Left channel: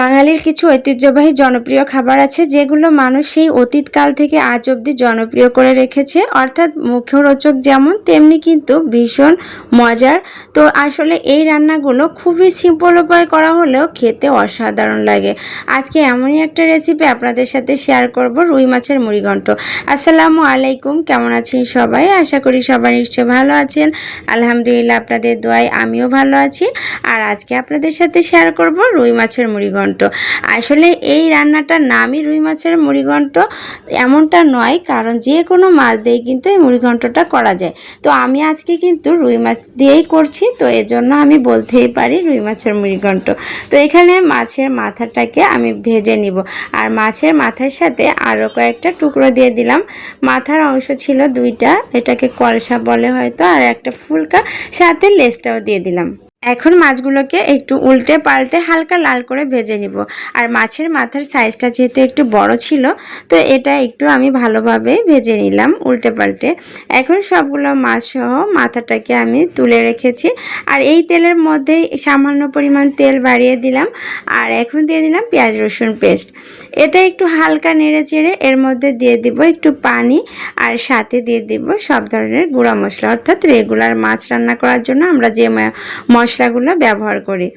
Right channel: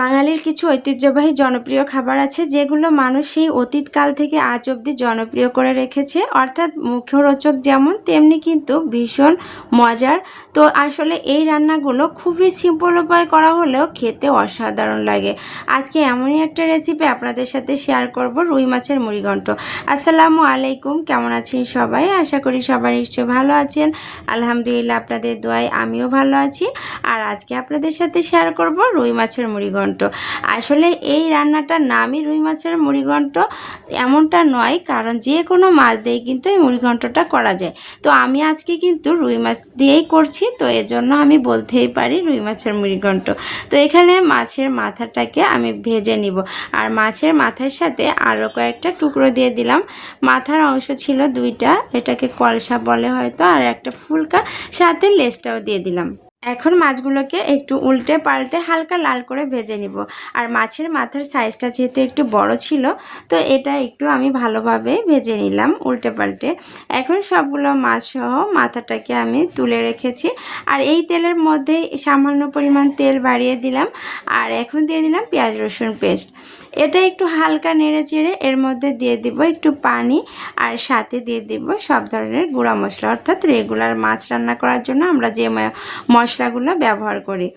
বাঙালির কিছু ঐতিহ্যবাহী জনপ্রিয় খাবার আছে, যেগুলো মানুষ সেই অতীতকাল থেকে আজ অবধি জনপ্রিয় করে রেখেছে। অর্থাৎ মুখরোচক যেমন, তেমনি কিন্তু ভীষণ মজার। তো আসলে এই রান্নাগুলো খুবই সিম্পল উপায় করা হলেও খেতে অসাধারণ লাগে। আজকে এমনই একটা রেসিপি আপনাদের সাথে শেয়ার করব, রুই মাছের মুড়িঘণ্ট আসসালামু আলাইকুম, কেমন আছেন সবাই? আশা করি সবাই নিশ্চয়ই ভালো আছেন। আলহামদুলিল্লাহ, আপনাদের দোয়ায় আমিও ভালো আছি। আর আজকে আপনাদের সাথে শেয়ার করব রুই মাছের মুড়িঘণ্ট আসলে এই রান্নাটার নামই রুই মাছের মুড়িঘণ্ট, এমনটা নয়, কারণ যে কোনো মাছ দিয়ে কিন্তু এই মুড়িঘণ্টটা করা যায়। তো আমি আজকে কিন্তু রুই মাছ দিয়েই করছি, তো এজন্য আমি বলতেই পারি রুই মাছের মুড়িঘণ্ট। তো এখানে মাছের মাথাটাকে আমি ভেজে নিব, আর মাছের মাথার সাথে আরও কয়েকটা টুকরো দিয়ে দিলাম। মাথার অংশ ছিল দুইটা, এটাকে কলসা বলে হয়তো, আর একটা ফুলকা, সাথে লেসটাও দিয়ে দিলাম। এখন মাছগুলোকে একটু উল্টে পাল্টে হালকা লাল করে ভেজে নিব। আর মাছের মাথার সাইজটা যেহেতু একটু বড় ছিল, তো এটা একটু আমি ভালোভাবে ভেজে নিলাম উল্টে পাল্টে। এখন সবগুলো মাছ সহ মাথাটাকে আমি তুলে রেখেছি। আর এই তেলের মধ্যেই সামান্য পরিমাণ তেল বাড়িয়ে দিলাম। আর এখন দিয়ে দিলাম পেঁয়াজ রসুন পেস্ট এটা একটু হালকা নেড়ে চেড়ে এর মধ্যে দিয়ে দিব একটু পানি আর সাথে দিয়ে দিব সব ধরনের গুঁড়া মশলা, অর্থাৎ রেগুলার মাছ রান্না করার জন্য আমরা যে মশলাগুলো ব্যবহার করি।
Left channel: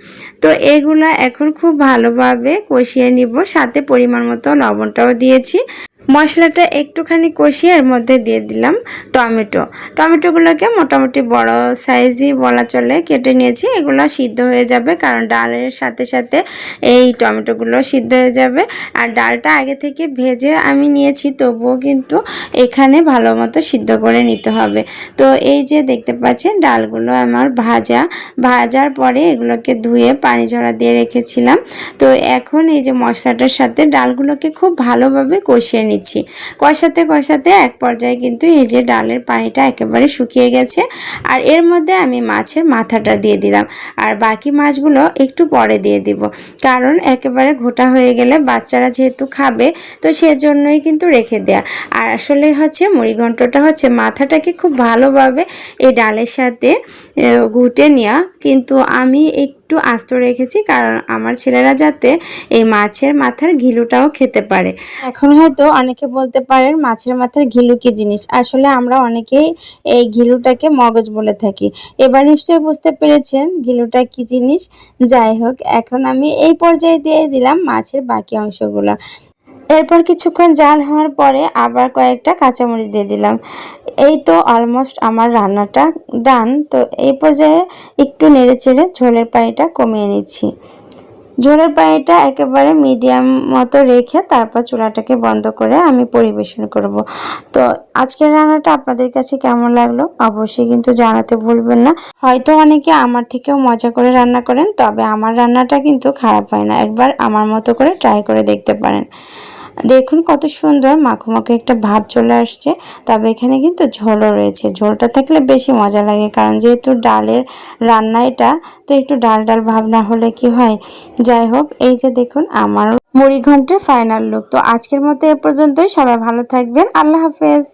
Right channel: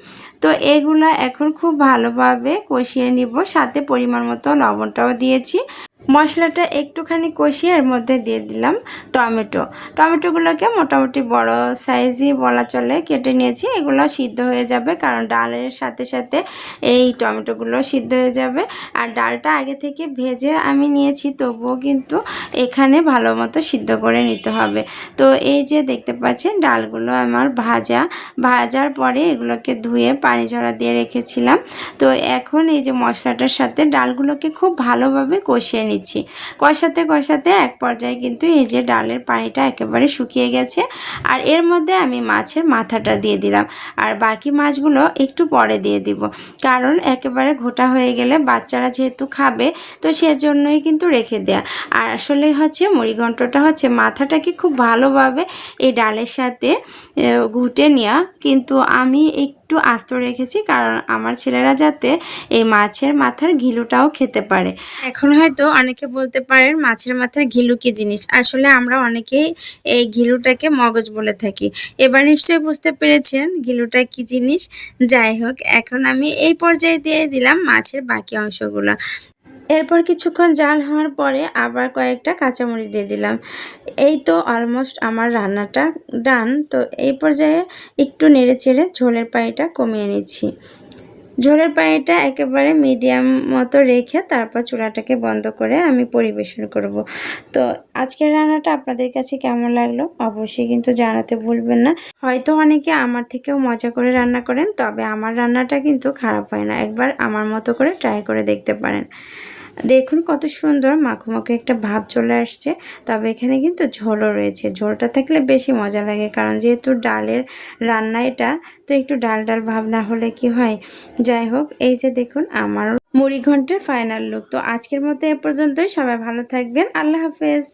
তো এগুলো এখন খুব ভালোভাবে কষিয়ে নিব, সাথে পরিমাণ মতো লবণটাও দিয়েছি। মশলাটা একটুখানি কষিয়ে মধ্যে দিয়ে দিলাম টমেটো। টমেটোগুলোকে মোটামুটি বড় সাইজই বলা চলে, কেটে নিয়েছি, এগুলো সিদ্ধ হয়ে যাবে কারণ ডালের সাথে সাথে এই টমেটোগুলো সিদ্ধ হয়ে যাবে। আর ডালটা আগে থেকে ভেজে আমি নিয়েছি, তবুও কিন্তু এখানে ভালো মতো সিদ্ধ করে নিতে হবে। তো এই যে দেখতে পাচ্ছেন, ডালগুলো আমার ভাজা। ভাজার পরে এগুলোকে ধুয়ে পানি ঝরা দিয়ে রেখেছিলাম। তো এখন এই যে মশলাটার সাথে ডালগুলোকে খুব ভালোভাবে কষিয়ে নিচ্ছি। নিচ্ছি কষাতে কষাতে এক পর্যায়ে কিন্তু এই যে ডালের পানিটা একেবারে শুকিয়ে গেছে আর এর মধ্যে আমি মাছের মাথাটা দিয়ে দিলাম। আর বাকি মাছগুলো একটু পরে দিয়ে দিব। কারণ একেবারে ঘোটা হয়ে গেলে বাচ্চারা যেহেতু খাবে, তো সেজন্যই কিন্তু রেখে দেয়া। আর আসলে হচ্ছে মুড়িঘণ্টটা হচ্ছে মাথাটাকে খুব ভালোভাবে এই ডালের সাথে ঘুটে নেওয়া কিন্তু আমি একটু আস্ত রেখেছি, কারণ আমার ছেলেরা যাতে এই মাছের মাথার ঘিলুটাও খেতে পারে। এখন হয়তো অনেকে বলতে পারেন মাছের মাথার ঘিলু কি জিনিস? আসলে আমরা অনেকেই এই ঘিলুটাকে মগজ বলে থাকি। এবার নিশ্চয়ই বুঝতে পেরেছেন ঘিলুটা কি জিনিস? যাই হোক, এখন আমি এই পর্যায়ে দিয়ে দিলাম মাছের বাকি অংশগুলো। এরপর কিছুক্ষণ জাল হওয়ার পরে আবার কয়েকটা কাঁচামরিচ দিয়ে দিলাম। এই তো অলমোস্ট আমার রান্নাটা ডান তো এই পর্যায়ে একটু নেড়ে চেড়ে ঝোলের পানিটা কমিয়ে নিচ্ছি। ঝোলের পানিটা একেবারে মিডিয়াম মতো রেখে তারপর চুলাটাকে বন্ধ করে আমি পরিবেশন করব। তো আজকের রান্নাটা আপনাদের কাছে কেমন লাগল অবশ্যই কিন্তু জানাতে ভুলবেন না। হয়তো অনেকে আমার থেকেও মজা করে রান্না করেন, তবে আমার রান্নাটা কিন্তু খারাপ হয় না। একবার আমার মতো করে ট্রাই করে দেখতে পারেন। দেখুন কত সুন্দর মাখো মাখো একটা ভাব চলে আসছে। তবে এখানে কিন্তু ঝোলও রয়েছে। ঝোলটা থাকলে বেশি মজা লাগে, কারণ যেহেতু ডালের রান্না এটা, তো একটু ডাল ডাল ভাব না হলে কি হয়? যাই হোক, এই যে দেখুন আমার মুড়ি ঘন্টের ফাইনাল লুক তো আজকের মতো এ পর্যন্তই। সবাই ভালো থাকবেন। আল্লাহ হাফেজ।